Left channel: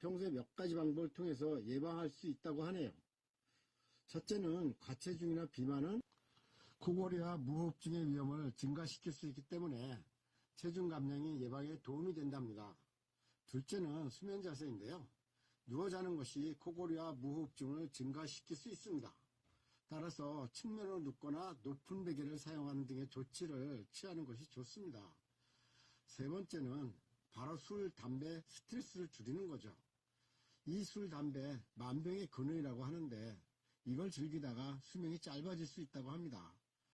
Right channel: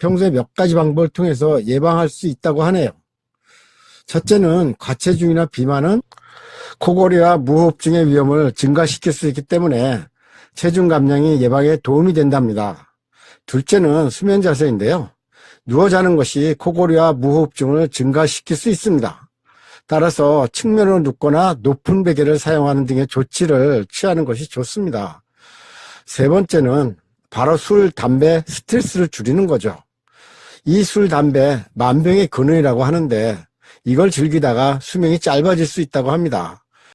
평소에 몇 가지 방법을 통해서 예방할 수 있다고 하네요. 첫째는 과체중이나 비만은 코골이와 무호흡증의 위험을 증가시킬 수 있기 때문에 체중 감량이 예방에 도움이 된답니다. 둘째는 수면 자세인데요. 누워 자는 것이 코골이와 무호흡증을 증가시킬 수 있습니다. 따라서 측면으로 눕거나 높은 베개를 사용하는 등의 조치를 취하는 것이 좋습니다. 세 번째는 바로 술, 담배, 스트레스를 줄이는 거죠. 이 술, 담배, 만병의 근원이라고 하는데 이걸 즐기다가 수명이 짧아질 수 있다고 합니다.